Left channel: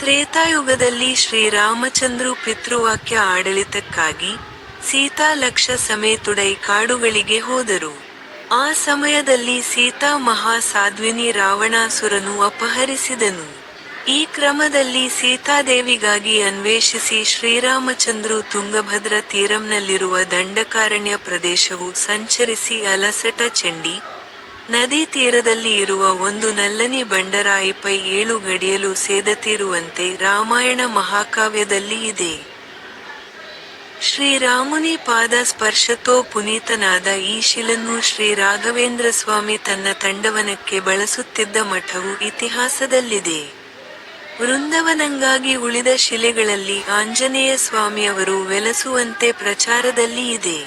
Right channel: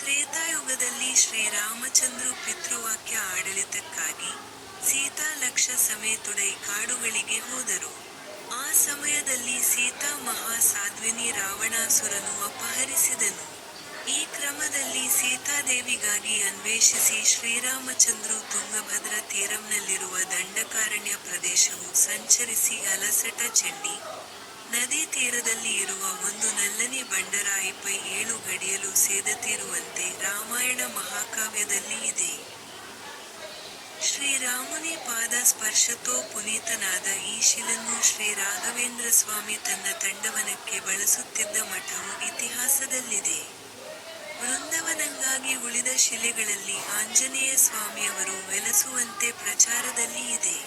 ತ್ರೇತಾಯುಗದಲ್ಲಿ ಶ್ರೀರಾಮಚಂದ್ರು ಪಿತೃವಾಕ್ಯ ಆಡಳಿತಕ್ಕಾಗಿ ಸೀತಾ ಲಕ್ಷ ಸಮೇತುಡೈ ಕಾಡುಗಳಿಗೆ ಹೋದರು. ಆ ಸಮಯದಲ್ಲಿ ಸೀತಾ ಮಹಾ ಸಾಧ್ವಿನಿ ರಾವಣಾಸುರನು ಅಪಹರಿಸಿದನು. ಈ ಕ್ರಮದಲ್ಲಿ ಸೀತಾದೇವಿಗಾಗಿ ಅನ್ವೇಷಿಸಿ ಶ್ರೀರಾಮಚಂದ್ರು ತುಂಗಭದ್ರ ತೀರಂನಲ್ಲಿರುವ ದಂಡಕಾರಣ್ಯ ಪ್ರದೇಶವು ಸಂಚರಿಸಿ ಅಲಸಟ ಚಂಡಿ ನದಿ ತೀರದಲ್ಲಿ ಇರುವ ಒಂದು ನಲ್ಲನಿ ಬಂಡರಾಯಿಪೈ 7 ಗಡಿಯಲು ಸೇದತೀರುವಂತೆ ರಾಮಾಯಣ ಮಹಾಕಾವ್ಯದಲ್ಲಿ ಇದೆ. ಶ್ರೀರಾಮುನಿ ಪಾದ ಸ್ಪರ್ಶತೋ ಪುನೀತನಾದ ಈ ಶಿಲನ್ನು ಶ್ರೀ ರಾಘವೇಂದ್ರ ಸ್ವಾಮಿ ತನ್ನ ತಂಡವನಕ್ಕೆ ಬಳಸುತ್ತಿದ್ದ ಮಠವು ಇತಿಹಾಸದಲ್ಲಿದೆ. ವೃಂದವನಂಗಾಗಿ ಉಳಿದ ಶಿಲೆಗಳಲ್ಲಿ ಆಂಜನೇಯ ಸ್ವಾಮಿಯವರು ವೆಲಸುವಂತೆ ಪ್ರಚಾರದಲ್ಲಿ ಇದೆ.